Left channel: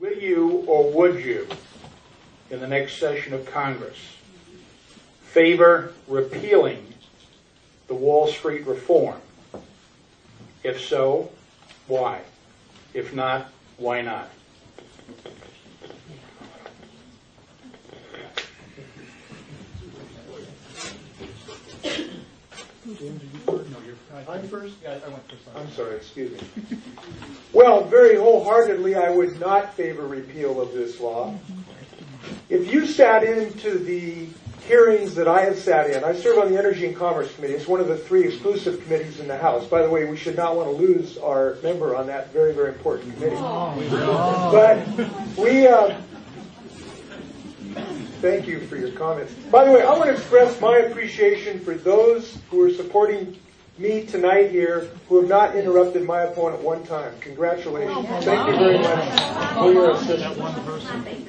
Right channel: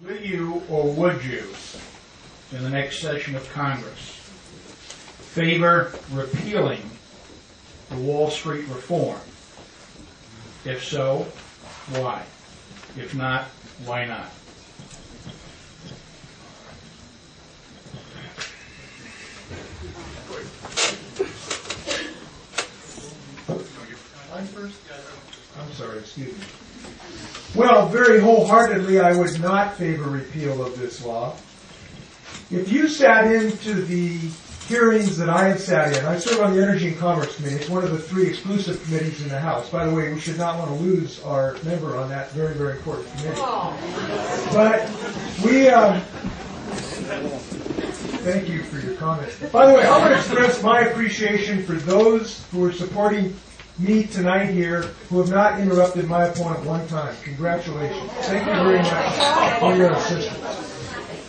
Will you or would you, in the next session of Congress, favor repealing the Wall Street reform? If so, why? If not, why not? I'm sorry, excuse me. Well, very wholeheartedly, I would not favor repeal of this law. If you sat into the hearings that I have sat in, I serve on the Energy and Commerce Committee. It's one of the 3 exclusive committees in the House. By the way, we should not want to lose our member on that very, very important committee. But we... thank you for your comments. By the way, I want to express my appreciation for those who are supporting me tonight here who have not interrupted my opponent one time. Congratulations. Thank you very much for your assistance.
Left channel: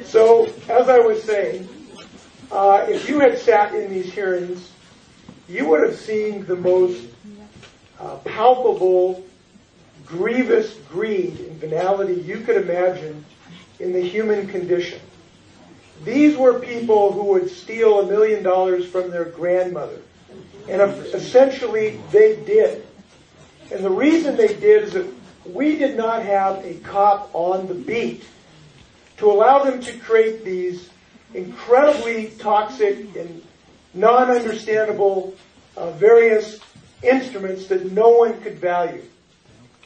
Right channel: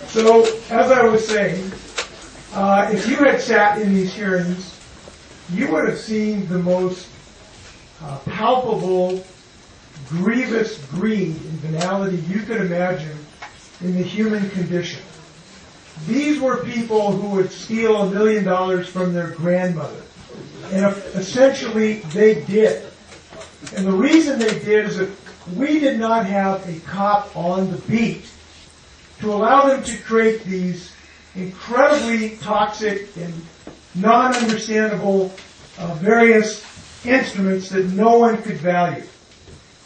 So, as I was saying, if you had sat in these hearings, you would have seen the most palpable, grievous greed and venality you could imagine in the human condition. These were people who would steal $1 million from their grandmother. And essentially, they did. And the reason they did is that we did not have a cop on the beat to allow them to create these incredibly toxic and non-understandable various instruments that no one could value.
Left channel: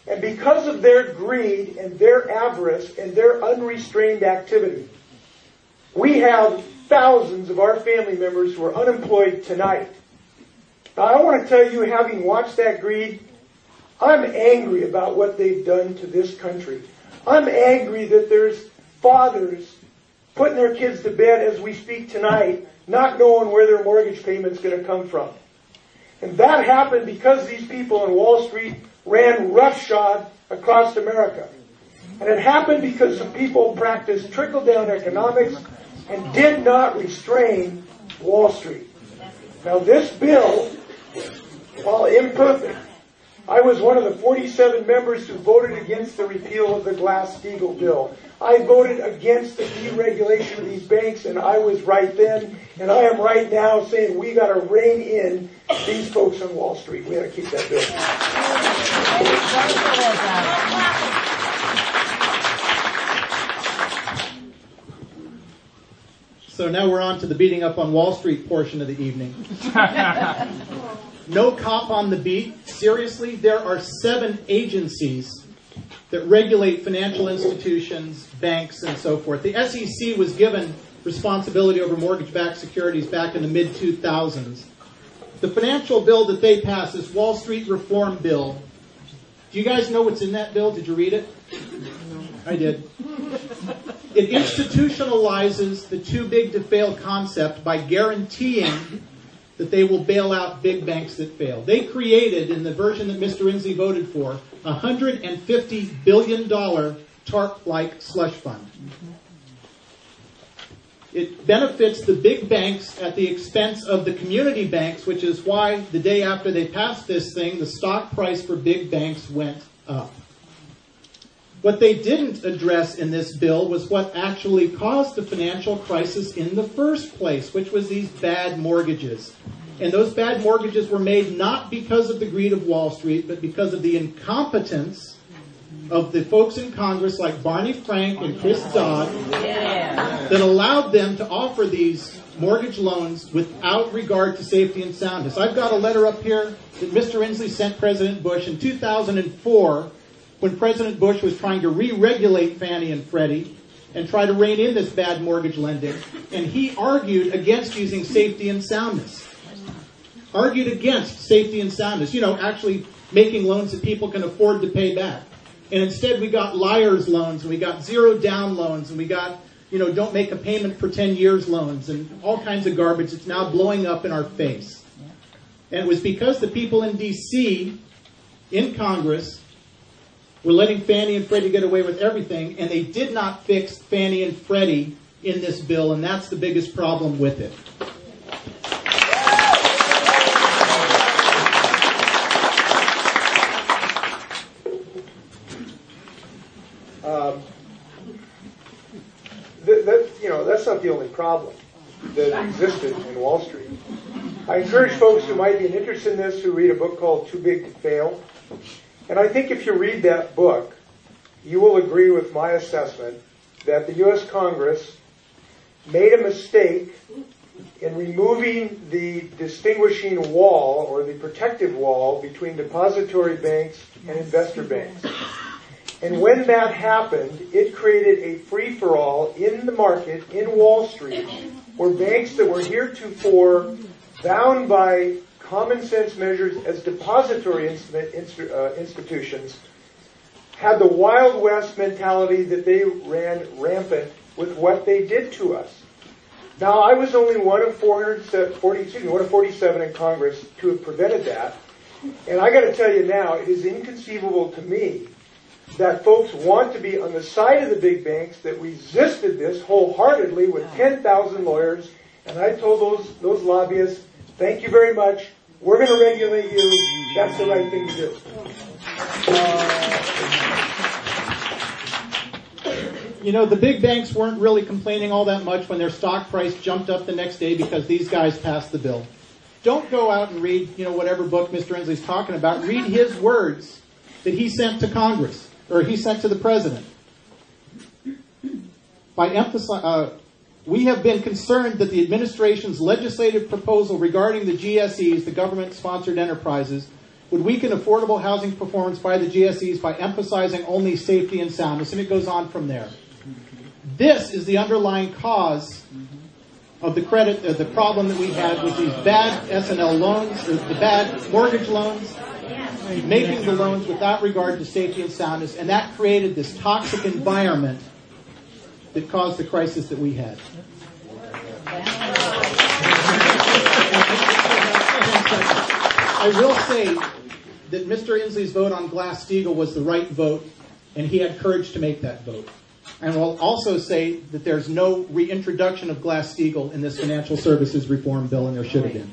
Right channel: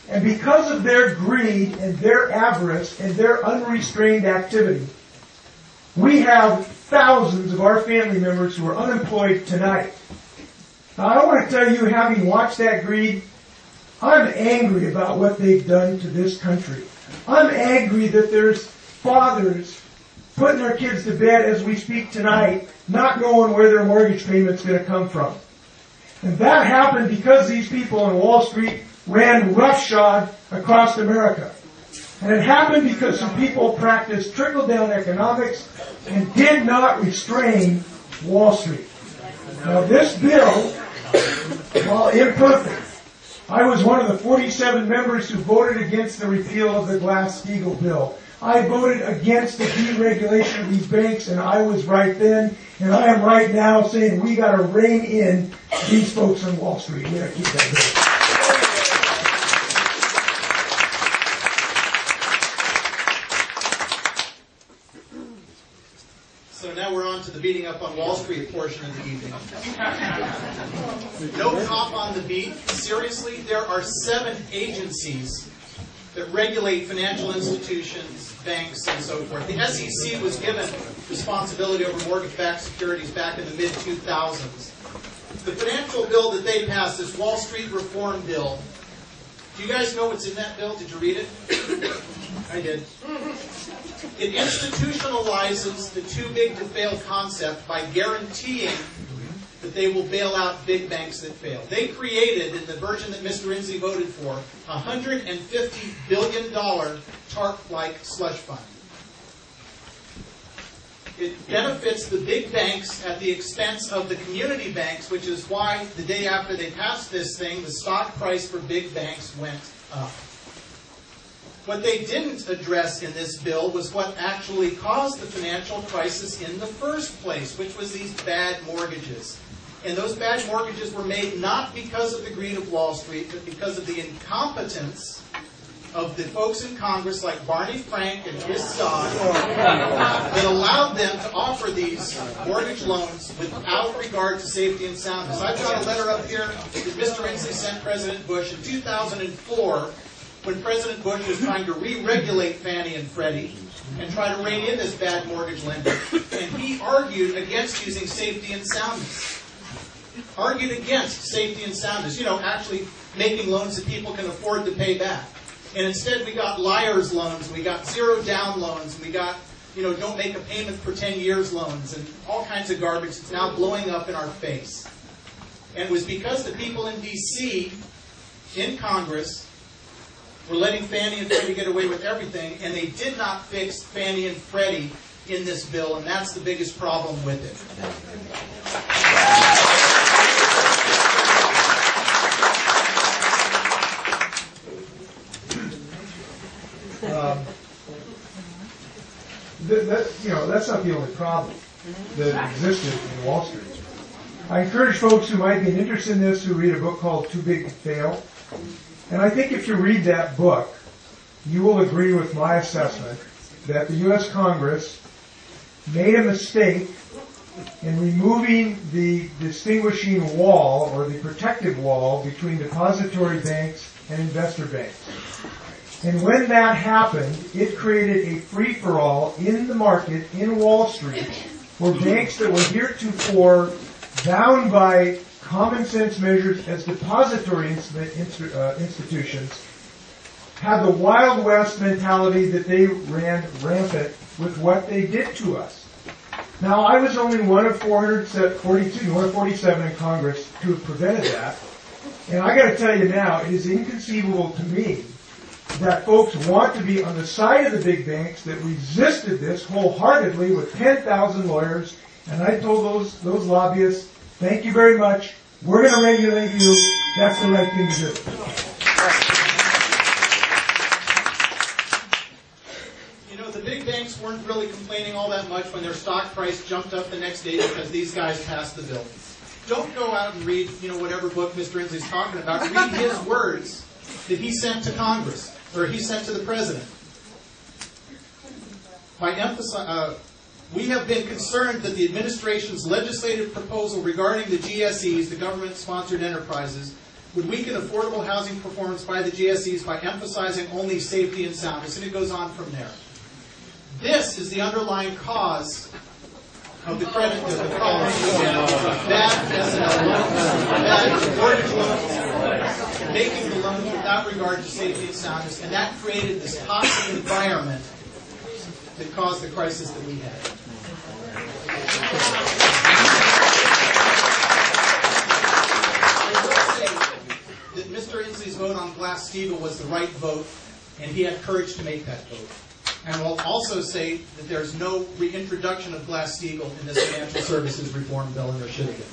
And because of their greed and their avarice and their unrestrained activity, we have thousands of our family members who are unemployed tonight. Now, I want to tell you, having watched that greed, I'm angry about what they've done to this country. I'm angry that there's fathers putting their kids to bed as we speak tonight, not knowing where their mortgage payment's going to come from. And that happened because these people on Wall Street ran roughshod across America. And it happened because some people practiced trickle-down economics and did not restrain Wall Street. Now, this bill, while imperfect, I was one of the 47 members who voted against the repeal of the Glass-Steagall bill. I voted against the deregulation of these banks, and I was right then, and I am right now saying we got to rein in these folks on Wall Street. We got to keep that bill. So now we're on to the beating up on Wall Street portion of the evening. No cop on the beat. Seriously, there are 7 agencies that regulate financial institutions, banks, and so forth. The SEC was given responsibility over mortgage-backed securities back in the mid-2000s. The financial bill that they passed, this Wall Street Reform Bill, do you guys know what's in that bill? Did you read it? I did. It institutionalizes the too big to fail concept by guaranteeing that they will bail out big banks that fail. They created, in the version that Mr. Inslee voted for, a $150 billion TARP-like slush fund. It benefits the big banks at the expense of the community banks, which is why the day after they passed this thing, the stock price for big banks went up. What they didn't address in this bill was what actually caused the financial crisis in the first place, which was these bad mortgages. And those bad mortgages were made not because of the greed of Wall Street, but because of the incompetence of the folks in Congress like Barney Frank and Chris Dodd that allowed them to offer these mortgage loans without regard to safety and soundness. I've got a letter up here that Mr. Inslee sent President Bush in 2004 when President Bush was trying to re-regulate Fannie and Freddie and try to rein in this bad mortgage lending. And he argued against using safety and soundness. Argued against safety and soundness. You know, actually making loans that people can afford to pay back. And instead we got liar's loans, and we got zero down loans, and we got, don't make a payment for 10 years loans, and all kinds of garbage that's now blowing up in our face. And it was because the people in D.C., in Congress, were letting Fannie and Freddie get away with everything, and they did not fix Fannie and Freddie in this bill, and that's the biggest problem with it. that's not the only problem that existed in Wall Street. I encourage folks who might be interested in this to read a book called Too Big to Fail. And I think if you read that book, you will agree with my assessment that the U.S. Congress made a mistake in removing the distinguishing wall or the protective wall between depository banks and investor banks. And when that happened, it created a free-for-all in the market in Wall Street where banks that were heretofore bound by common sense measures as depository institutions had the Wild West mentality that they ran rampant with what they did to us. Now, I was only one of 147 in Congress to have prevented that. And I got to tell you now, it is inconceivable to me that folks want to be on the side of the big banks that resisted this wholeheartedly with 10,000 lawyers. And I told those lobbyists, thank you very much. We're going to regulate you. That's the right thing to do. You know, the big banks weren't really complaining all that much when their stock price jumped up the next day because these guys passed the bill. Don't go out and read, whatever book Mr. Inslee's talking about. Read his words that he sent to Congress, or he sent to the President. We have been concerned that the administration's legislative proposal regarding the GSEs, the government-sponsored enterprises, would weaken affordable housing performance by the GSEs by emphasizing only safety and soundness. And it goes on from there. This is the underlying cause of the problem that we have with the bad S&L loans, the bad mortgage loans, making the loans without regard to safety and soundness, and that created this toxic environment that caused the crisis that we had. I will say that Mr. Inslee's vote on Glass-Steagall was the right vote, and he had courage to make that vote. And we'll also say that there's no reintroduction of Glass-Steagall in this financial services reform bill, and there should have been.